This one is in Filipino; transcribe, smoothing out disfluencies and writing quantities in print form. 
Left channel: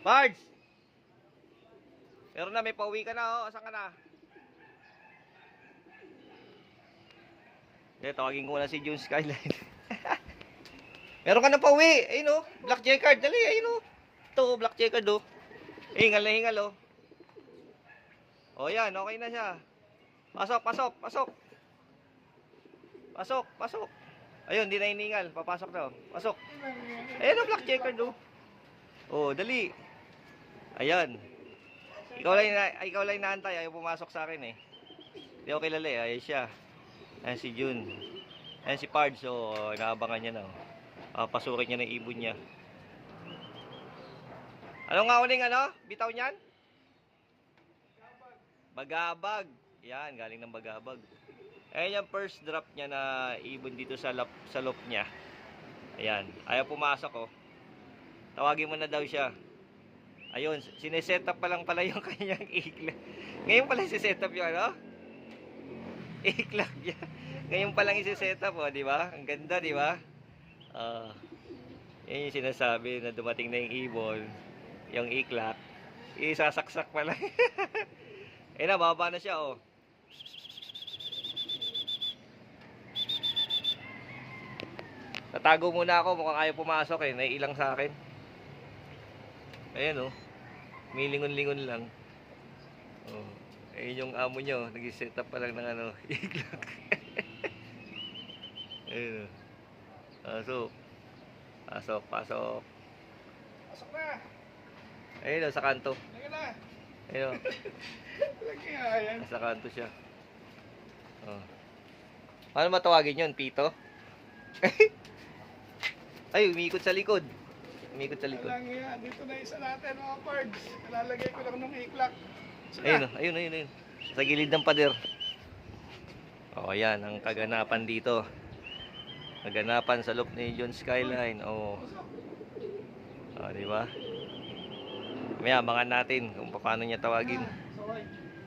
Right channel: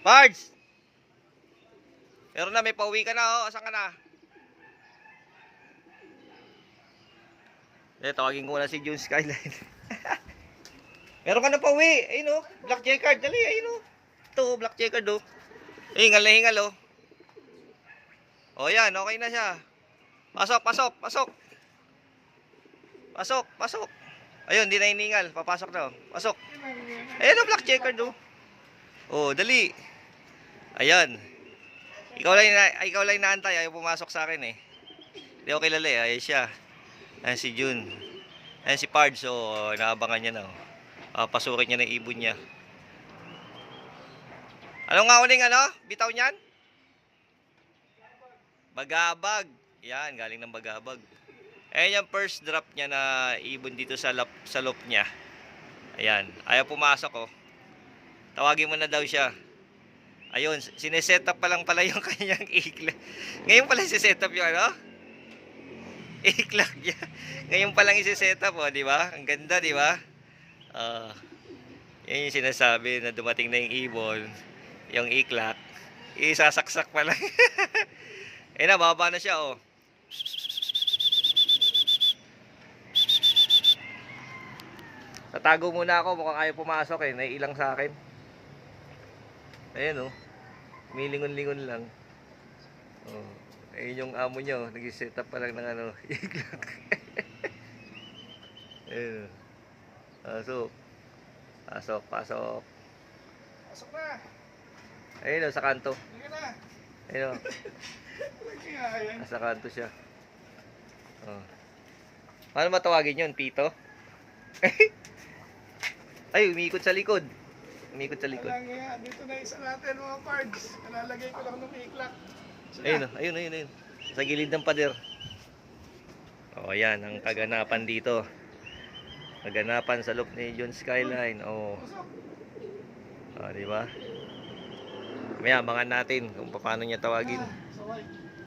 Pards! Meron na, may pauwi ka na, oh. Asan ka na? Tawagin ko na si June Skyline. Meron ka na pauwi. Ayun, oh. Black Jacquard. Dali, ayun, oh. Ito, Black Jacquard, oh. Hingal na hingal, oh. O, yan. Okay na siya. Pasok, pasok, pasok. Pasok, pasok. Ayun, hindi na hiningal. Papasok na, oh. Pasok. Ayun, oh, Black Jacquard, oh. Oh, dali. Ayan. Ikaw lang inaantay. Ayaw pumasok sa akin, eh. Hindi ako kilala, eh. Ayun siya. Ayan si June. Ayan si Pards. So, naabangan niya na. Pasukin niya ng ibon niya. Ano nga uling ano? Bitaw niyan? Bagabag. Yan, galing ng Bagabag. Ayan yung first drop niya na ibon dito sa loop niya. Ayan. Ayaw pumasok, oh. Tawagin mo na daw siya. Ayun, sineset up pa lang pala yung kanyang iglap. Ngayon pala siset up yung ano? Iklak niya. Ngayon pa lang isi-set up, oh, di ba? Ang ganda, di ba? Yan yung sinasabi na dumating na yung ibon, yung iklak, isasaksak pa lang. Eh na, bababa na siya, oh. Tatago muna ako, mukhang ayaw pumasok, eh. Naiilang sa akin. Ayan, oh. Milingon-lingon lang. Oh. Ayun yung amo nyo, nag-set up pa lang ng ano, iglak. Ayun. Pasok. Pasok, pasok. Pasok na. Ayun, sa kanto. Halika na. Ayun. Nagkiyayang. Nasa kanto siya. Oh. Paano matawagin yun? Pito? Ay, umiikot sa likod. Umiikot sa likod. Kailangan yan. Dito na isa natin mga pards. Nalalagay ko lang ng iklak. Ayun, ayun, ayun, ayun. Sa gilid ng pader. Oh, yan ang kaganapan dito. Kaganapan sa loop ni June Skyline. Oh. Oh, di ba? May abangan natin kung paano niya tawagin. Saway.